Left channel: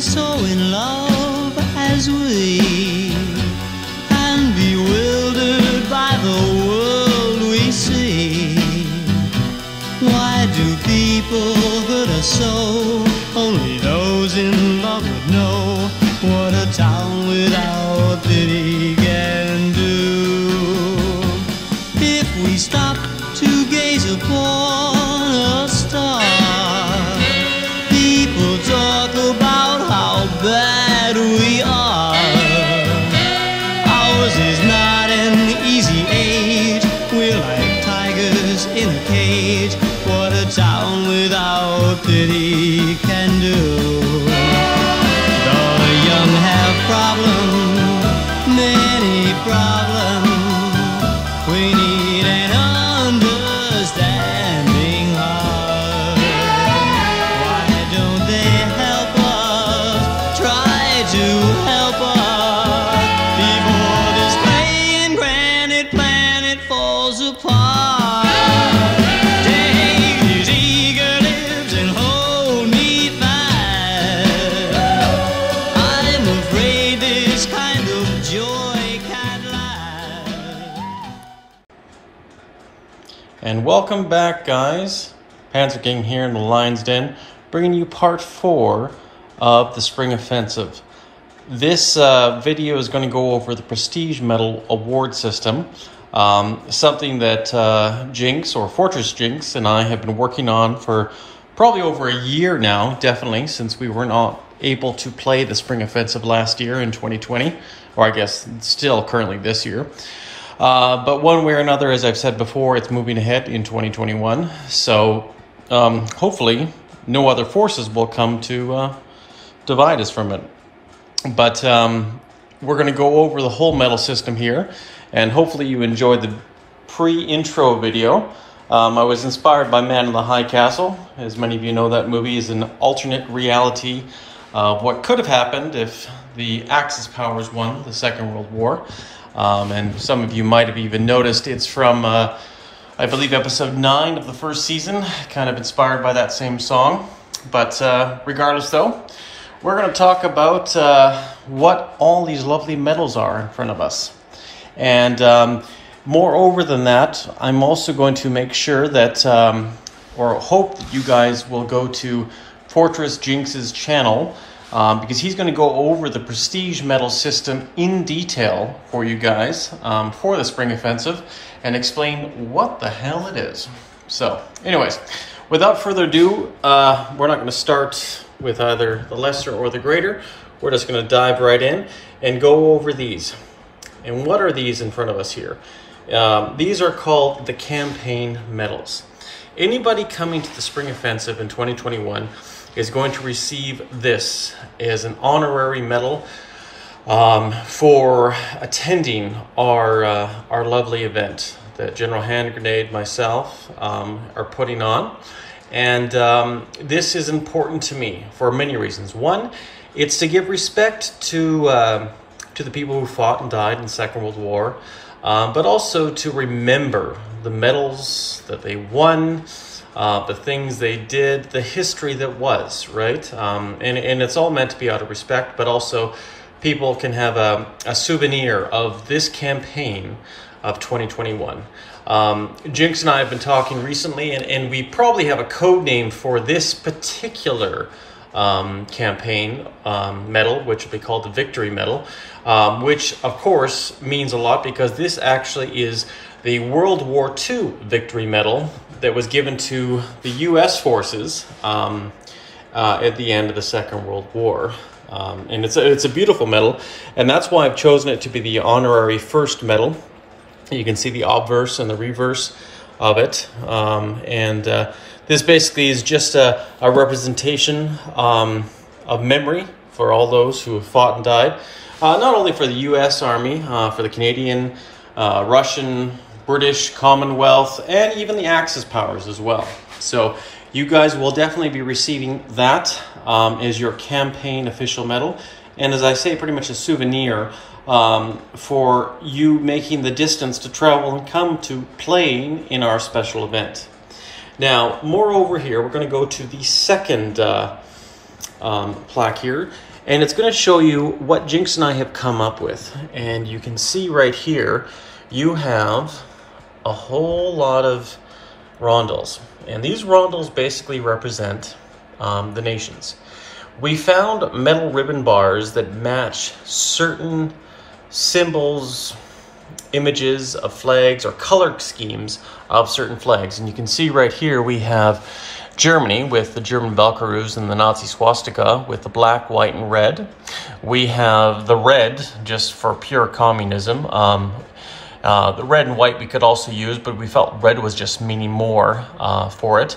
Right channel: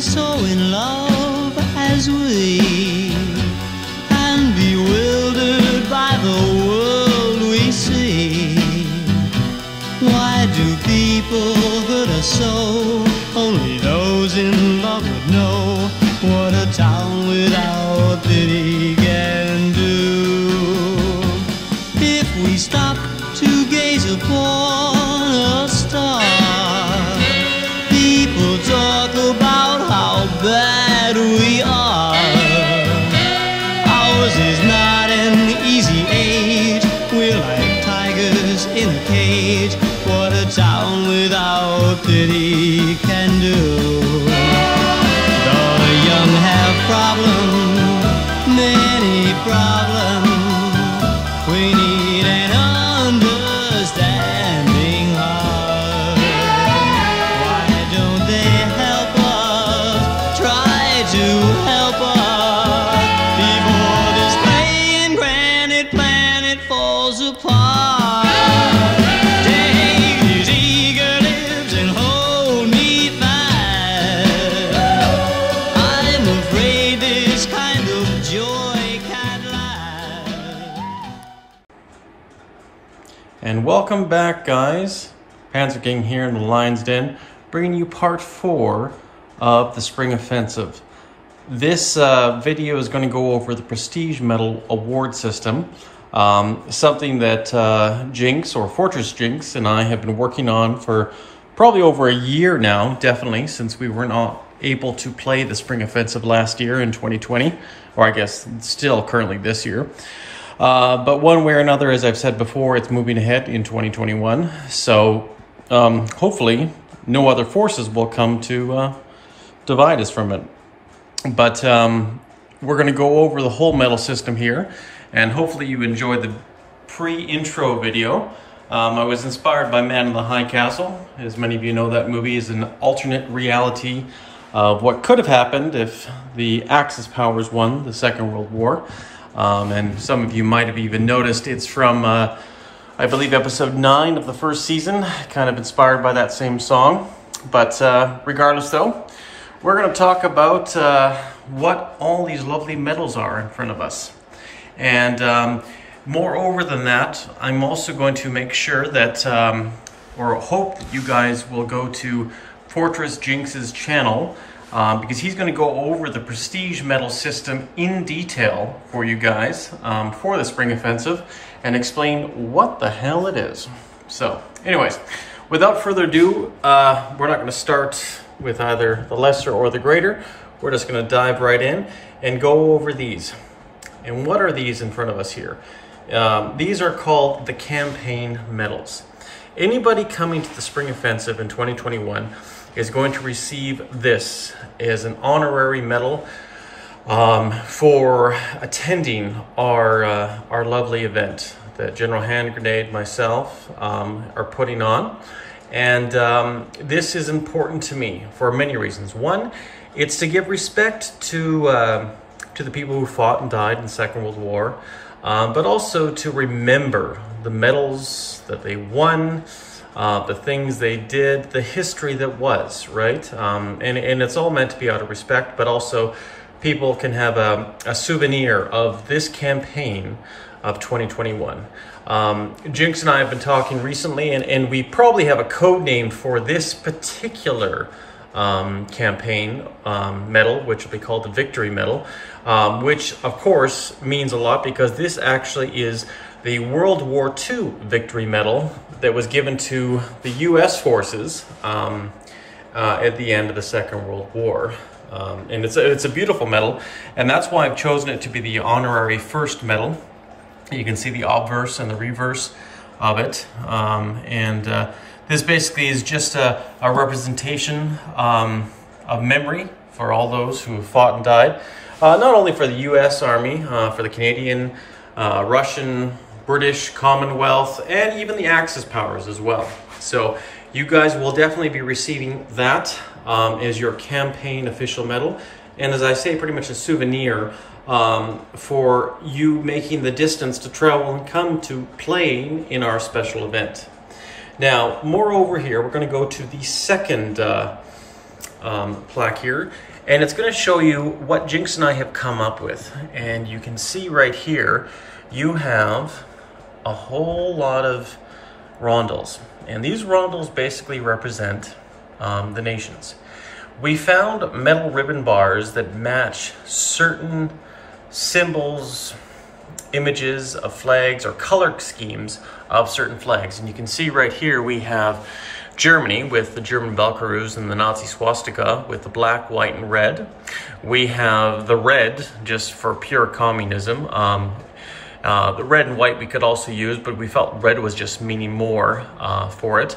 so in love as we, and bewildered by the world we see. Why do people hurt us so? Only those in love would know what a town without pity can do. If we stop to gaze upon a star, people talk about how bad we are. Ours is not an easy age. We're like tigers in a cage. What a town without pity can do. The young have problems, many problems. We need an understanding heart. Why don't they help us? Try to help us before this playing granite planet falls apart. Take these eager lips and hold me fast. I'm afraid this kind of joy can't last. And welcome back, guys. Panzer King here in the Lion's Den, bringing you part 4 of the Spring Offensive. This video is going to go over the Prestige Medal award system, something that Jinx, or Fortress Jinx, and I have been working on for probably over a year now, definitely, since we were not able to play the Spring Offensive last year in 2020, or I guess still currently this year. But one way or another, as I've said before, it's moving ahead in 2021. So hopefully no other forces will come to divide us from it. But we're going to go over the whole medal system here. And hopefully you enjoyed the pre-intro video. I was inspired by Man in the High Castle. As many of you know, that movie is an alternate reality of what could have happened if the Axis powers won the Second World War. And some of you might have even noticed it's from, I believe, episode 9 of the first season, kind of inspired by that same song. But regardless, though, we're going to talk about what all these lovely medals are in front of us. And moreover than that, I'm also going to make sure that, or hope that you guys will go to Fortress Jinx's channel, because he's going to go over the Prestige Medal system in detail for you guys for the Spring Offensive and explain what the hell it is. So, anyways, without further ado, we're not going to start with either the lesser or the greater. We're just going to dive right in and go over these. And what are these in front of us here? These are called the campaign medals. Anybody coming to the Spring Offensive in 2021 is going to receive this as an honorary medal for attending our lovely event that General Hand Grenade, myself, are putting on. And this is important to me for many reasons. One, it's to give respect to the people who fought and died in the Second World War, but also to remember the medals that they won, the things they did, the history that was, right? And it's all meant to be out of respect, but also people can have a souvenir of this campaign of 2021. Jinx and I have been talking recently, and we probably have a code name for this particular campaign medal, which will be called the Victory Medal, which of course means a lot because this actually is the World War II Victory Medal that was given to the U.S. forces at the end of the Second World War. And it's a beautiful medal, and that's why I've chosen it to be the honorary first medal. You can see the obverse and the reverse of it. This basically is just a representation of memory for all those who have fought and died. Not only for the U.S. Army, for the Canadian, Russian, British, Commonwealth, and even the Axis powers as well. So you guys will definitely be receiving that as your campaign official medal. And as I say, pretty much a souvenir for you making the distance to travel and come to playing in our special event. Now, moreover here, we're going to go to the second plaque here. And it's going to show you what Jinx and I have come up with. And you can see right here, you have a whole lot of rondels. And these rondels basically represent the nations. We found metal ribbon bars that match certain symbols, images of flags, or color schemes of certain flags. And you can see right here we have Germany with the German Valkyries and the Nazi swastika with the black, white, and red. We have the red just for pure communism. The red and white we could also use, but we felt red was just meaning more for it.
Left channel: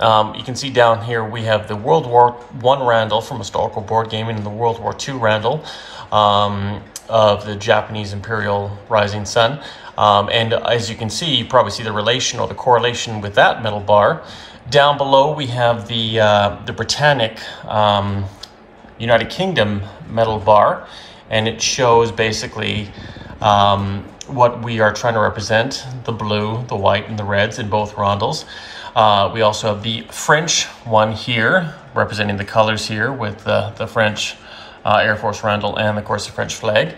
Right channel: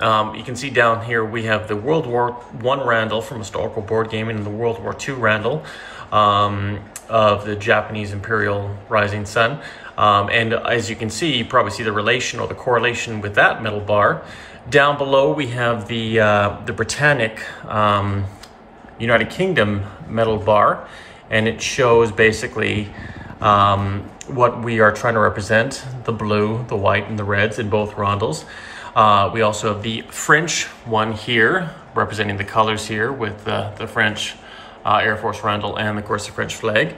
You can see down here we have the World War I Randall from Historical Board Gaming and the World War II Randall of the Japanese Imperial Rising Sun. And as you can see, you probably see the relation or the correlation with that metal bar. Down below we have the Britannic United Kingdom metal bar, and it shows basically what we are trying to represent: the blue, the white, and the reds in both rondels. We also have the French one here, representing the colors here with the French Air Force Randall and, of course, the French flag.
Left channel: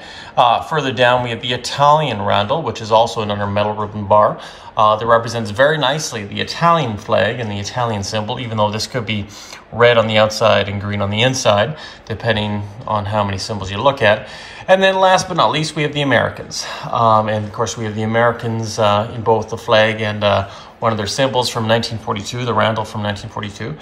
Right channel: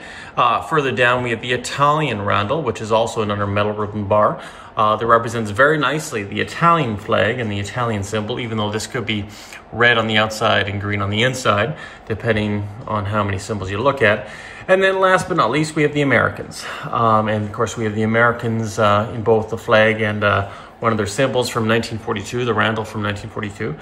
Further down, we have the Italian Randall, which is also another metal ribbon bar that represents very nicely the Italian flag and the Italian symbol, even though this could be red on the outside and green on the inside, depending on how many symbols you look at. And then last but not least, we have the Americans. And of course, we have the Americans in both the flag and one of their symbols from 1942, the Randall from 1942,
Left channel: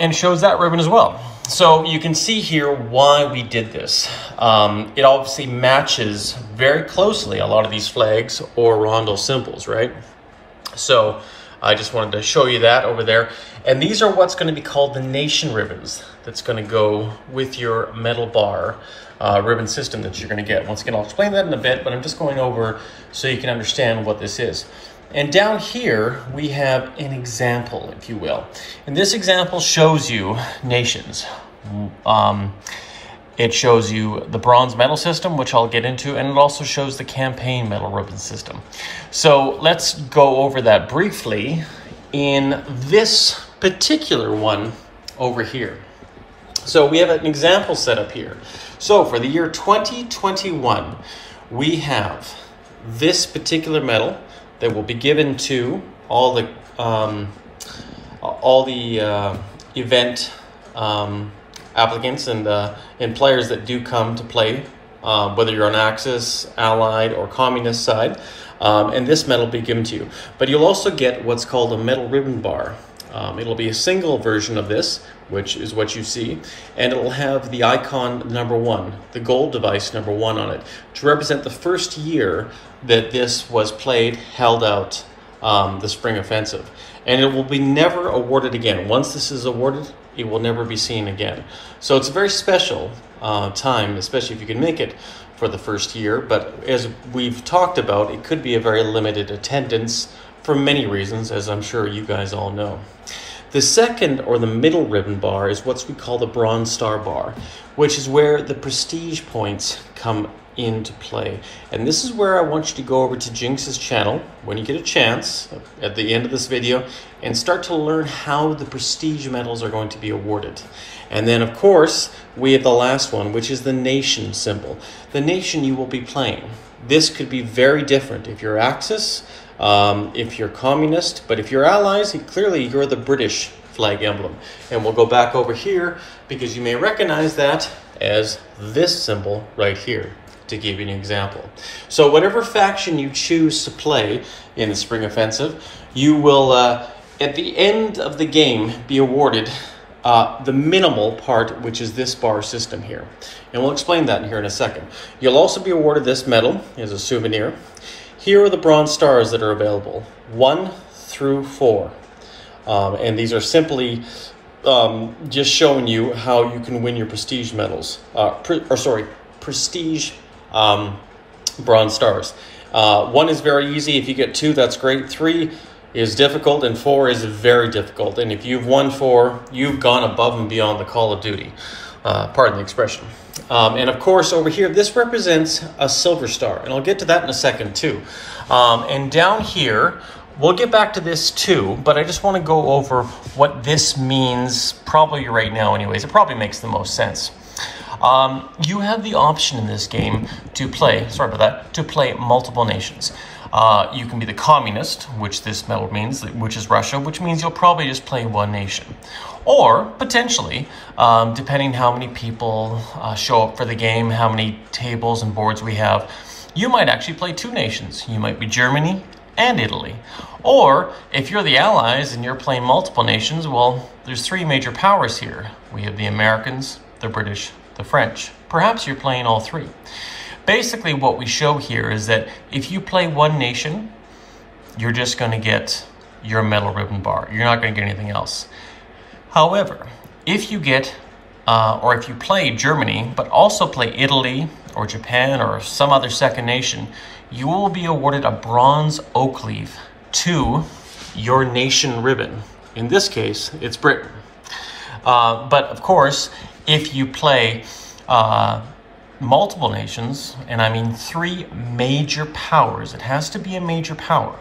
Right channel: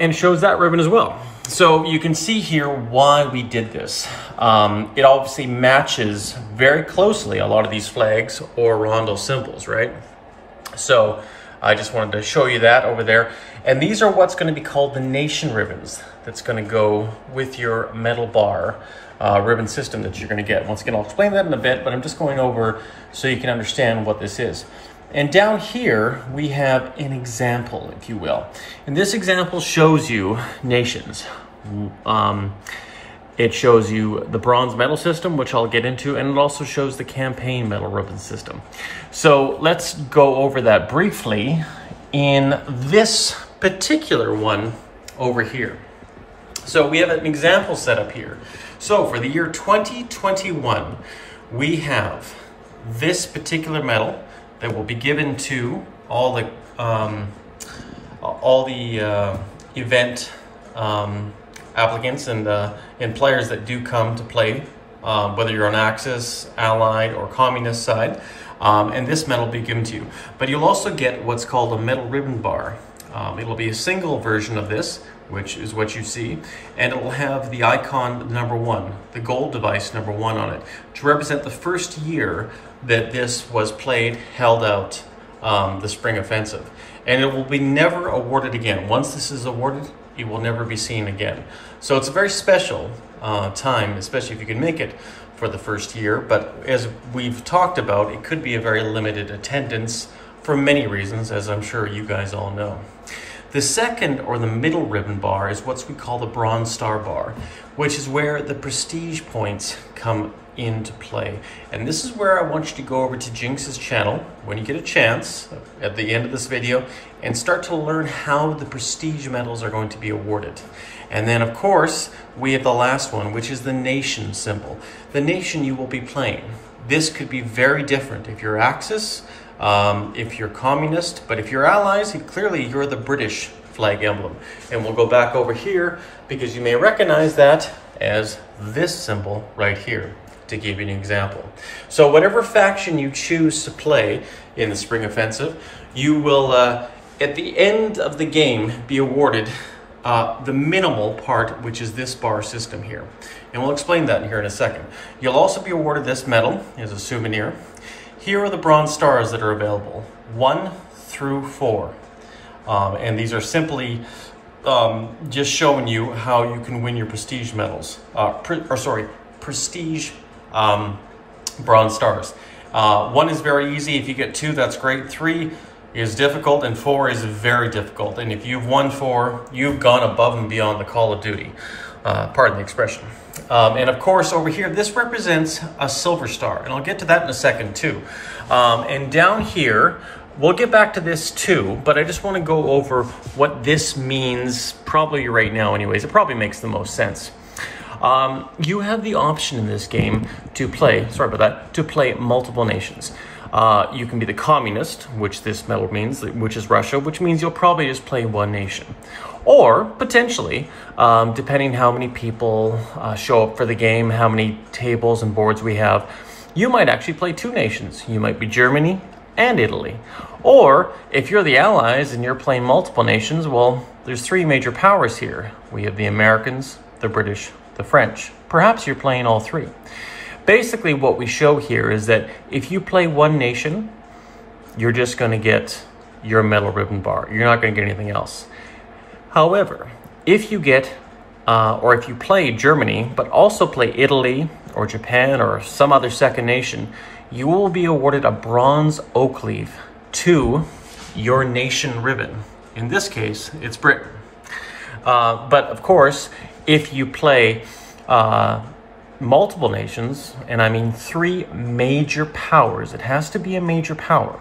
and shows that ribbon as well. So you can see here why we did this. It obviously matches very closely a lot of these flags or Rondel symbols, right? So I just wanted to show you that over there. And these are what's going to be called the nation ribbons that's going to go with your metal bar ribbon system that you're going to get. Once again, I'll explain that in a bit, but I'm just going over so you can understand what this is. And down here, we have an example, if you will. And this example shows you nations. It shows you the bronze medal system, which I'll get into, and it also shows the campaign medal ribbon system. So let's go over that briefly in this particular one over here. So we have an example set up here. So for the year 2021, we have this particular medal that will be given to all the event applicants and players that do come to play, whether you're on Axis, Allied, or Communist side, and this medal will be given to you. But you'll also get what's called a metal ribbon bar. It'll be a single version of this, which is what you see, and it'll have the icon #1, the gold device #1 on it, to represent the first year that this was played, held out, the Spring Offensive. And it will be never awarded again. Once this is awarded, it will never be seen again. So it's a very special time, especially if you can make it for the first year. But as we've talked about, it could be a very limited attendance for many reasons, as I'm sure you guys all know. The second, or the middle ribbon bar, is what we call the Bronze Star bar, which is where the prestige points come into play. And this is where I want you to go over to Jinx's channel when you get a chance at the end of this video and start to learn how the prestige medals are going to be awarded. And then, of course, we have the last one, which is the nation symbol. The nation you will be playing. This could be very different if you're Axis, if you're Communist, but if you're Allies, clearly you're the British flag emblem. And we'll go back over here because you may recognize that as this symbol right here, to give you an example. So whatever faction you choose to play in the Spring Offensive, you will, at the end of the game, be awarded the minimal part, which is this bar system here. And we'll explain that here in a second. You'll also be awarded this medal as a souvenir. Here are the bronze stars that are available, 1 through 4. And these are simply just showing you how you can win your prestige medals, prestige bronze stars. 1 is very easy. If you get 2, that's great. 3 is difficult, and 4 is very difficult. And if you've won 4, you've gone above and beyond the Call of Duty. Pardon the expression. And of course, over here, this represents a silver star, and I'll get to that in a second too. And down here, We'll get back to this too, but I just want to go over what this means probably right now anyways. It probably makes the most sense. You have the option in this game to play, to play multiple nations. You can be the communist, which this medal means, which is Russia, which means you'll probably just play one nation. Or, potentially, depending how many people show up for the game, how many tables and boards we have, you might actually play two nations. You might be Germany and Italy. Or, if you're the Allies and you're playing multiple nations, well, there's three major powers here. We have the Americans, the British, the French. Perhaps you're playing all three. Basically, what we show here is that if you play one nation, you're just going to get your medal ribbon bar. You're not going to get anything else. However, if you get, or if you play Germany, but also play Italy or Japan or some other second nation, you will be awarded a bronze oak leaf to your nation ribbon. In this case, it's Britain. But of course, if you play multiple nations, and I mean three major powers, it has to be a major power.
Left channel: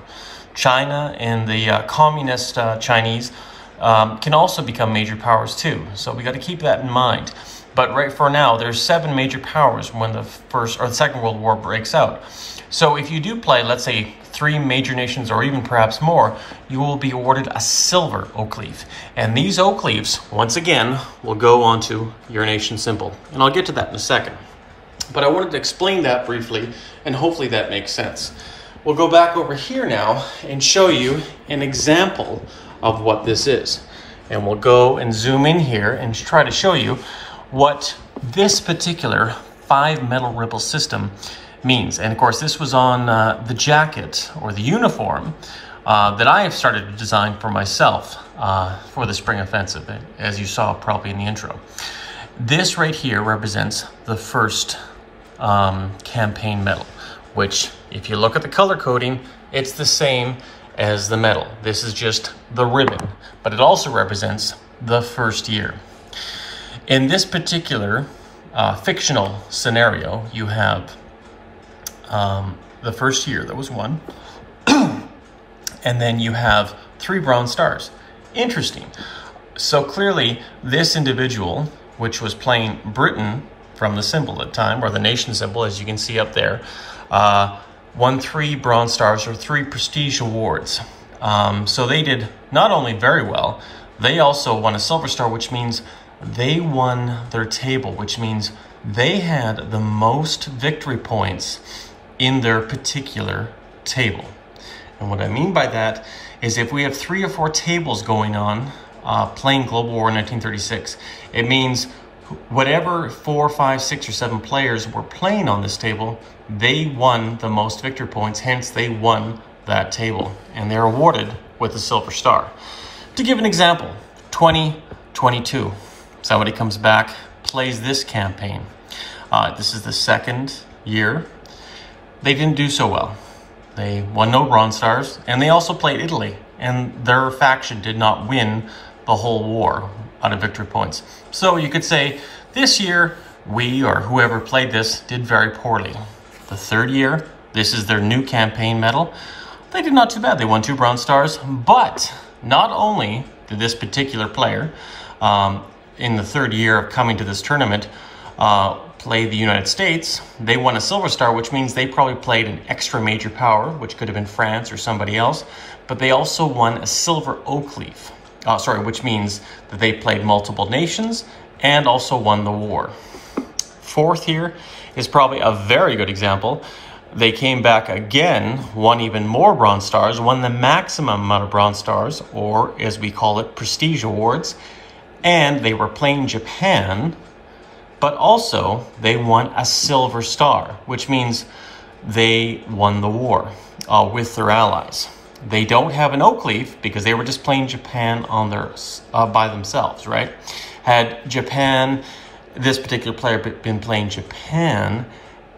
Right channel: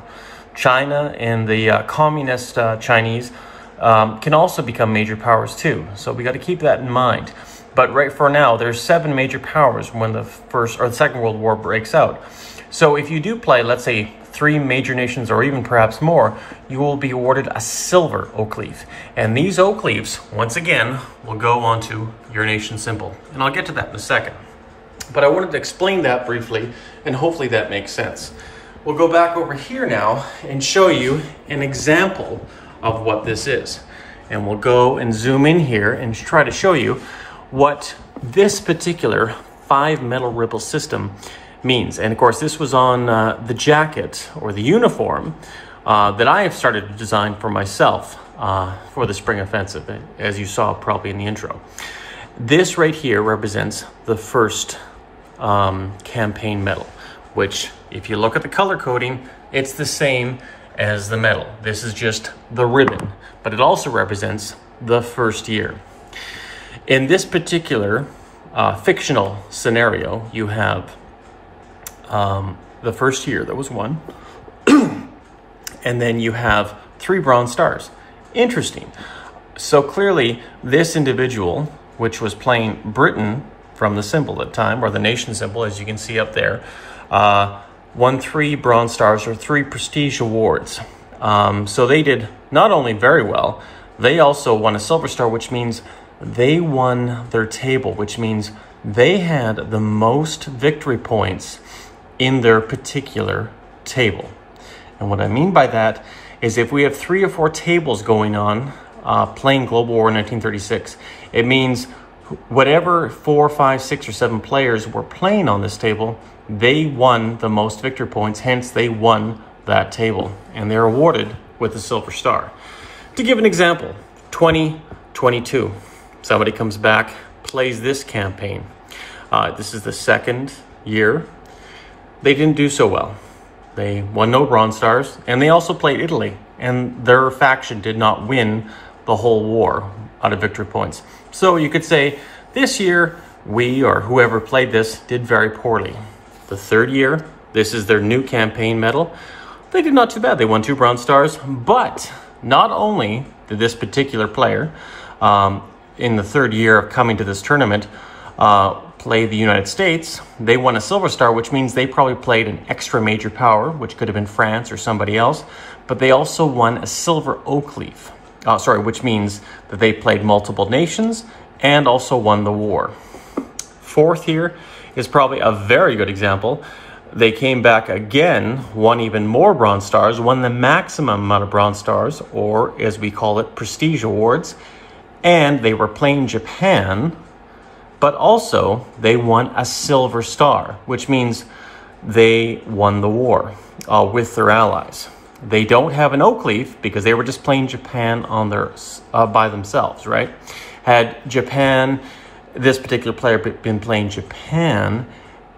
China and the communist Chinese can also become major powers too. So we got to keep that in mind. But right for now, there's 7 major powers when the First or the Second World War breaks out. So if you do play, let's say, 3 major nations or even perhaps more, you will be awarded a silver oak leaf. And these oak leaves, once again, will go onto your nation symbol. And I'll get to that in a second. But I wanted to explain that briefly, and hopefully that makes sense. We'll go back over here now and show you an example of what this is. And we'll go and zoom in here and try to show you what this particular 5 medal ribbon system means. And of course, this was on the jacket or the uniform that I have started to design for myself for the Spring Offensive, as you saw probably in the intro. This right here represents the first campaign medal, which if you look at the color coding, it's the same as the medal. This is just the ribbon, but it also represents the first year. In this particular fictional scenario, you have the first year, that was 1. And then you have 3 bronze stars. Interesting. So clearly, this individual, which was playing Britain from the symbol at the time, or the nation symbol, as you can see up there, won 3 bronze stars or 3 prestige awards. So they did not only very well, they also won a silver star, which means they won their table, which means they had the most victory points in their particular table. And what I mean by that is if we have 3 or 4 tables going on playing Global War 1936, it means whatever 4, 5, 6, or 7 players were playing on this table, they won the most victory points, hence they won that table, and they're awarded with a silver star. To give an example, 2022, somebody comes back, plays this campaign. This is the 2nd year. They didn't do so well. They won no bronze stars, and they also played Italy, and their faction did not win the whole war out of victory points. So you could say this year, we or whoever played this did very poorly. The 3rd year, this is their new campaign medal. They did not too bad. They won 2 bronze stars, but not only did this particular player in the 3rd year of coming to this tournament play the United States, they won a silver star, which means they probably played an extra major power, which could have been France or somebody else, but they also won a silver oak leaf, which means that they played multiple nations and also won the war. 4th here is probably a very good example. They came back again, won even more bronze stars, won the maximum amount of bronze stars, or as we call it, prestige awards, and they were playing Japan, but also they won a silver star, which means they won the war with their allies. They don't have an oak leaf because they were just playing Japan on their by themselves, right? Had Japan, this particular player, been playing Japan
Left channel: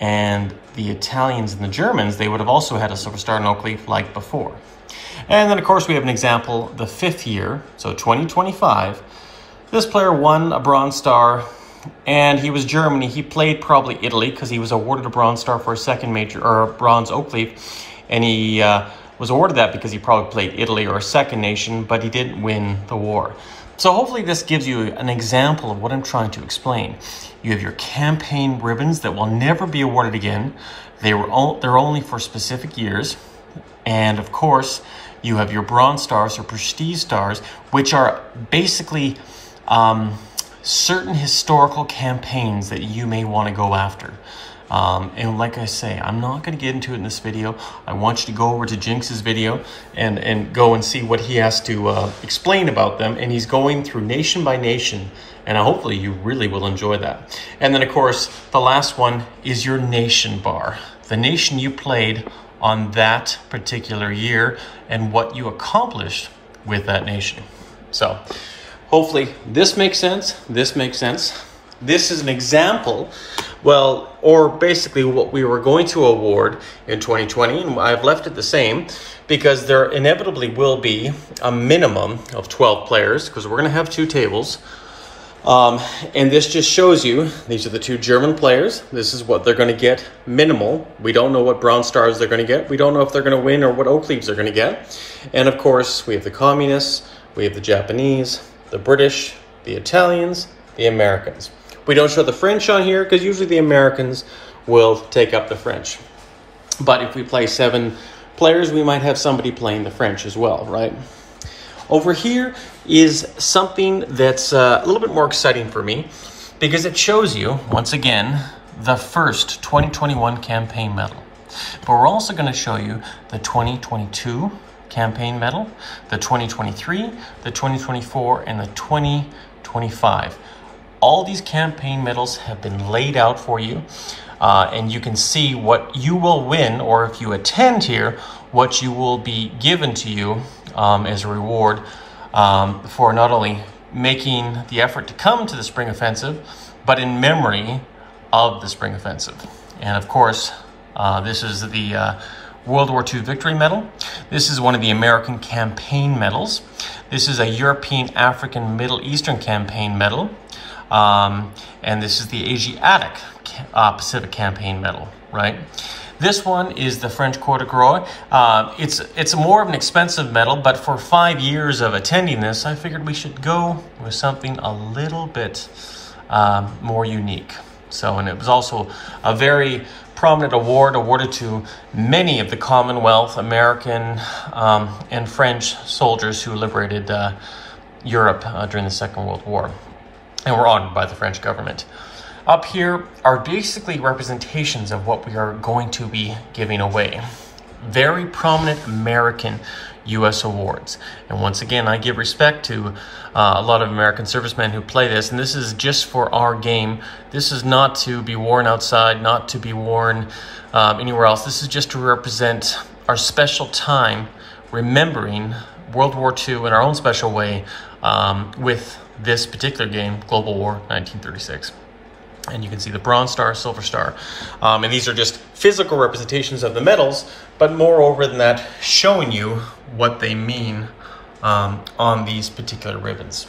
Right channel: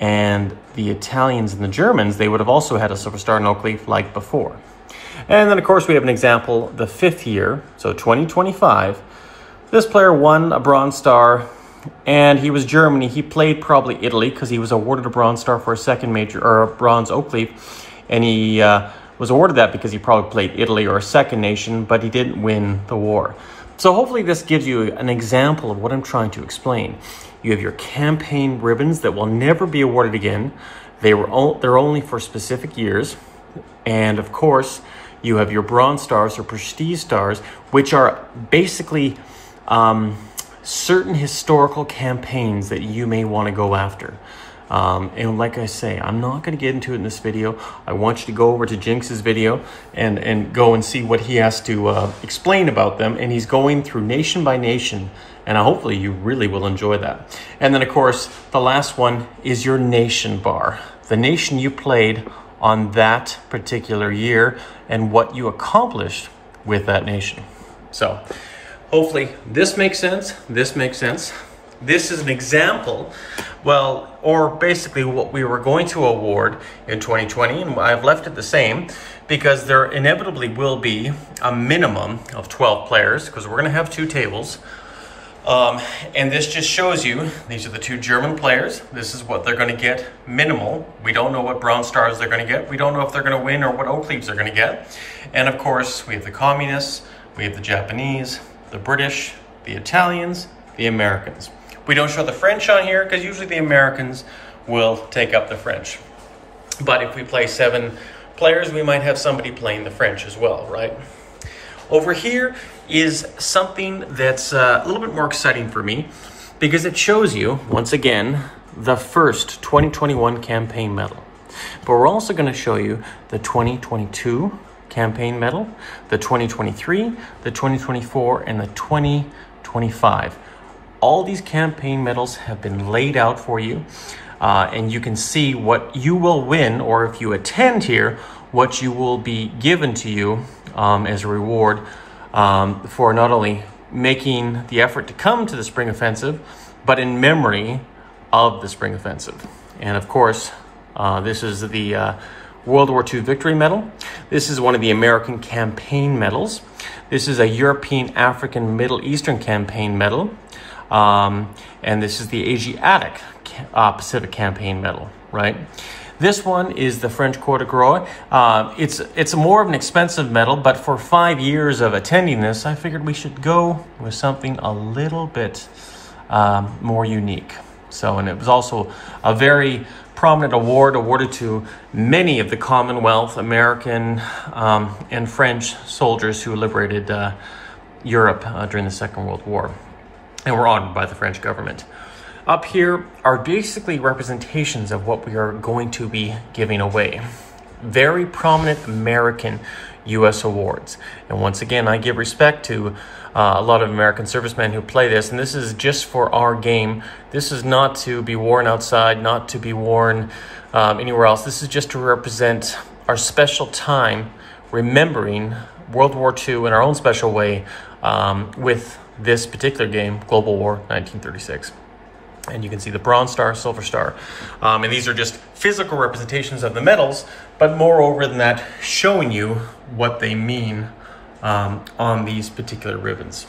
and the Italians and the Germans, they would have also had a silver star and oak leaf like before. And then, of course, we have an example, the 5th year, so 2025. This player won a bronze star, and he was Germany. He played probably Italy because he was awarded a bronze star for a 2nd major, or a bronze oak leaf, and he was awarded that because he probably played Italy or a second nation, but he didn't win the war. So hopefully this gives you an example of what I'm trying to explain. You have your campaign ribbons that will never be awarded again. They're only for specific years. And of course, you have your bronze stars or prestige stars, which are basically certain historical campaigns that you may want to go after. And like I say, I'm not going to get into it in this video. I want you to go over to Jinx's video and go and see what he has to explain about them. And he's going through nation by nation. And hopefully you really will enjoy that. And then, of course, the last one is your nation bar. The nation you played on that particular year and what you accomplished with that nation. So hopefully this makes sense. This makes sense. This is an example, well, or basically what we were going to award in 2020, and I've left it the same because there inevitably will be a minimum of 12 players because we're going to have 2 tables. And this just shows you, these are the 2 German players. This is what they're going to get minimal. We don't know what bronze stars they're going to get. We don't know if they're going to win or what oak leaves they're going to get. And of course, we have the communists, we have the Japanese, the British, the Italians, the Americans. We don't show the French on here because usually the Americans will take up the French. But if we play 7 players, we might have somebody playing the French as well, right? Over here is something that's a little bit more exciting for me because it shows you, once again, the first 2021 campaign medal. But we're also going to show you the 2022 campaign medal, the 2023, the 2024, and the 2025. All these campaign medals have been laid out for you, and you can see what you will win, or if you attend here, what you will be given to you as a reward for not only making the effort to come to the Spring Offensive, but in memory of the Spring Offensive. And of course, this is the World War II Victory Medal. This is one of the American Campaign Medals. This is a European, African, Middle Eastern Campaign Medal. And this is the Asiatic Pacific Campaign Medal, right? This one is the French Croix de Guerre. It's more of an expensive medal, but for 5 years of attending this, I figured we should go with something a little bit more unique. So, and it was also a very prominent award awarded to many of the Commonwealth, American, and French soldiers who liberated Europe during the Second World War, and were honored by the French government. Up here are basically representations of what we are going to be giving away. Very prominent American U.S. awards. And once again, I give respect to a lot of American servicemen who play this, and this is just for our game. This is not to be worn outside, not to be worn anywhere else. This is just to represent our special time remembering World War II in our own special way with this particular game, Global War 1936. And you can see the Bronze Star, Silver Star. And these are just physical representations of the medals, but moreover than that, showing you what they mean on these particular ribbons.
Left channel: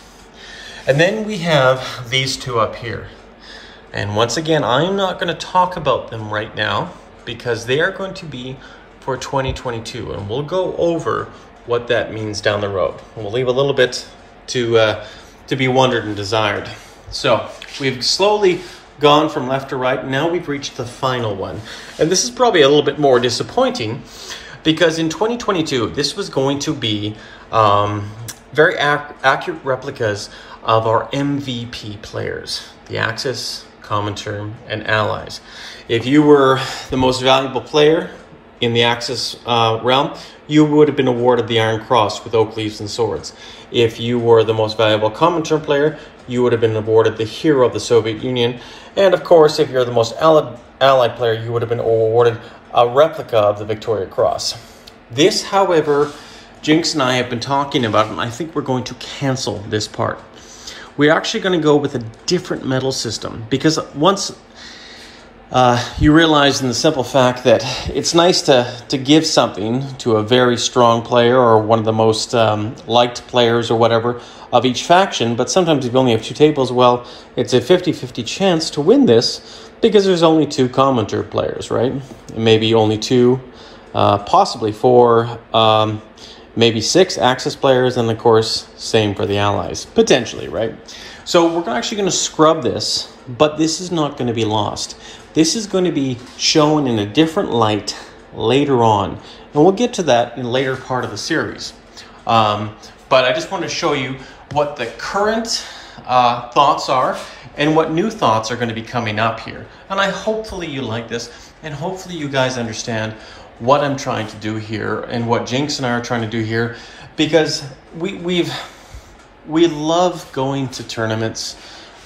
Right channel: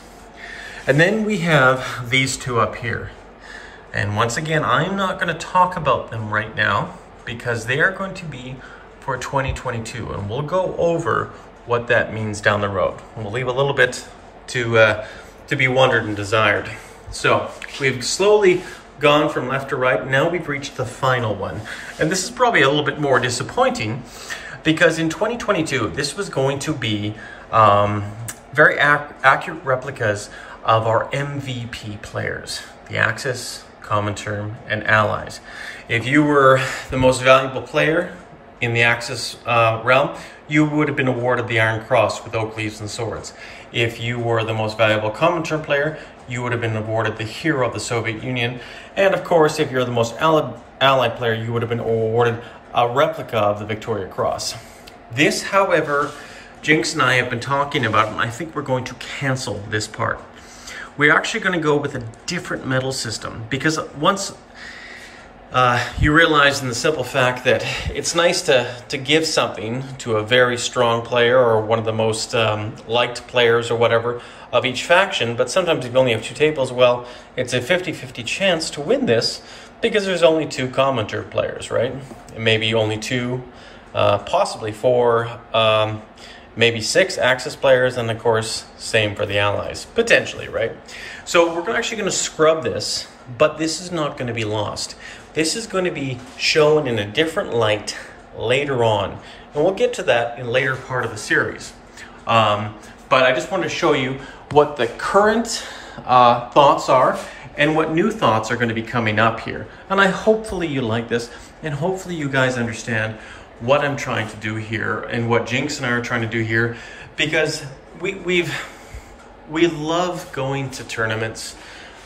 And then we have these 2 up here. And once again, I'm not going to talk about them right now because they are going to be for 2022. And we'll go over what that means down the road. And we'll leave a little bit to be wondered and desired. So we've slowly gone from left to right. Now we've reached the final one. And this is probably a little bit more disappointing because in 2022, this was going to be very accurate replicas of our MVP players, the Axis, Comintern, and Allies. If you were the most valuable player in the Axis realm, you would have been awarded the Iron Cross with oak leaves and swords. If you were the most valuable Comintern player, you would have been awarded the Hero of the Soviet Union. And of course, if you're the most allied player, you would have been awarded a replica of the Victoria Cross. This, however, Jinx and I have been talking about, and I think we're going to cancel this part. We're actually going to go with a different medal system because once you realize in the simple fact that it's nice to give something to a very strong player or one of the most liked players or whatever of each faction, but sometimes if you only have 2 tables, well, it's a 50-50 chance to win this because there's only 2 Comintern players, right? Maybe only 2 possibly 4, maybe 6 Axis players, and of course, same for the Allies, potentially, right? So we're actually going to scrub this, but this is not going to be lost. This is going to be shown in a different light later on, and we'll get to that in a later part of the series. But I just want to show you what the current thoughts are and what new thoughts are going to be coming up here. And hopefully you like this, and hopefully you guys understand what I'm trying to do here and what Jinx and I are trying to do here, because we love going to tournaments,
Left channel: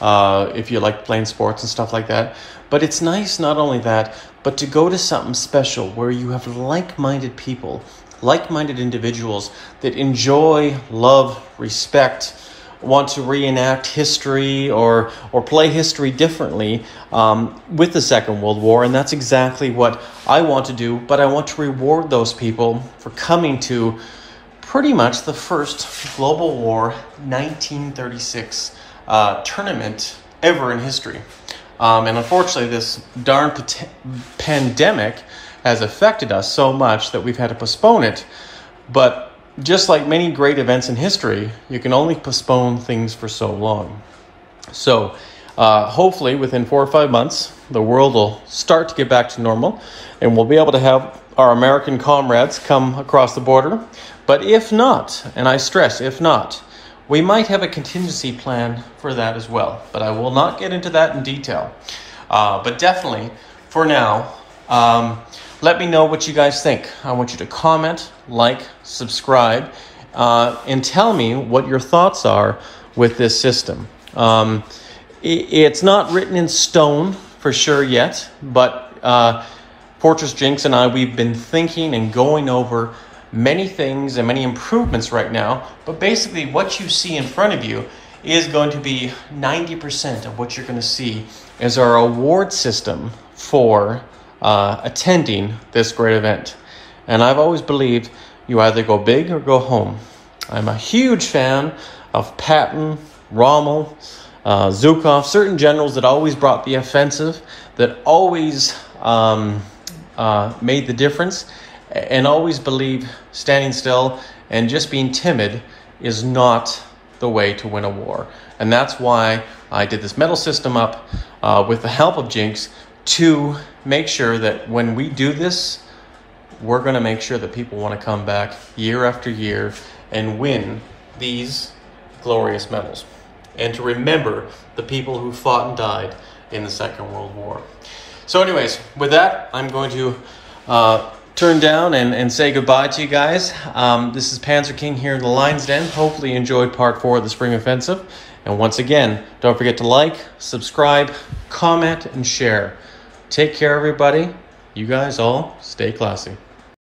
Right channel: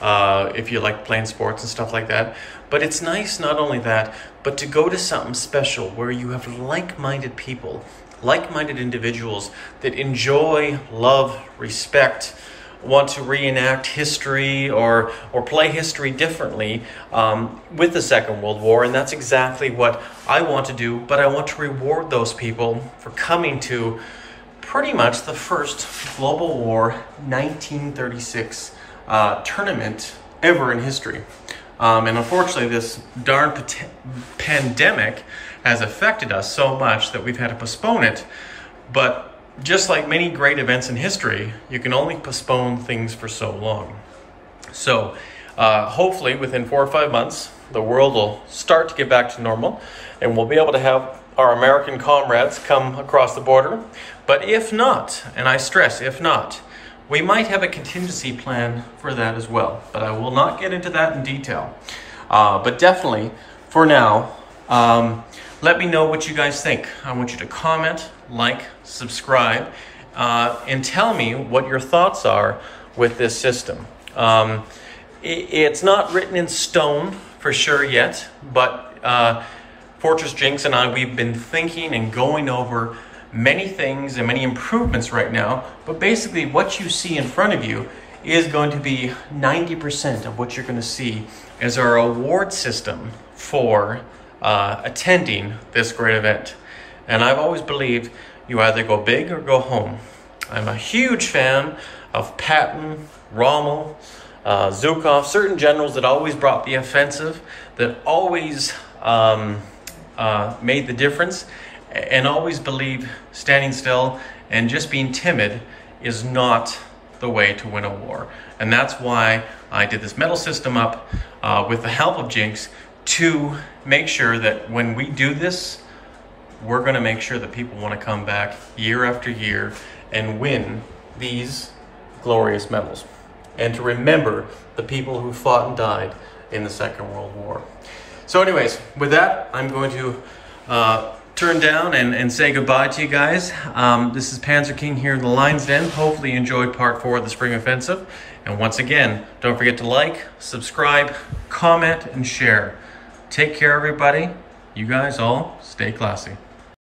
if you like playing sports and stuff like that. But it's nice not only that, but to go to something special where you have like-minded people, like-minded individuals that enjoy, love, respect, want to reenact history or play history differently with the Second World War. And that's exactly what I want to do, but I want to reward those people for coming to pretty much the first Global War 1936 tournament ever in history. And unfortunately, this darn pandemic has affected us so much that we've had to postpone it. But just like many great events in history, you can only postpone things for so long. So hopefully within 4 or 5 months, the world will start to get back to normal, and we'll be able to have our American comrades come across the border. But if not, and I stress if not, we might have a contingency plan for that as well. But I will not get into that in detail. But definitely, for now, let me know what you guys think. I want you to comment, like, subscribe, and tell me what your thoughts are with this system. It's not written in stone for sure yet, but Fortress Jinx and I, we've been thinking and going over many things and many improvements right now. But basically what you see in front of you is going to be 90% of what you're going to see as our award system for attending this great event. And I've always believed you either go big or go home. I'm a huge fan of Patton, Rommel, Zhukov, certain generals that always brought the offensive, that always made the difference, and always believe standing still and just being timid is not the way to win a war. And that's why I did this medal system up with the help of Jinx, to make sure that when we do this, we're going to make sure that people want to come back year after year and win these glorious medals, and to remember the people who fought and died in the Second World War. So anyways, with that, I'm going to turn down and say goodbye to you guys. This is Panzer King here in the Lion's Den. Hopefully you enjoyed part 4 of the Spring Offensive. And once again, don't forget to like, subscribe, comment, and share. Take care, everybody. You guys all stay classy.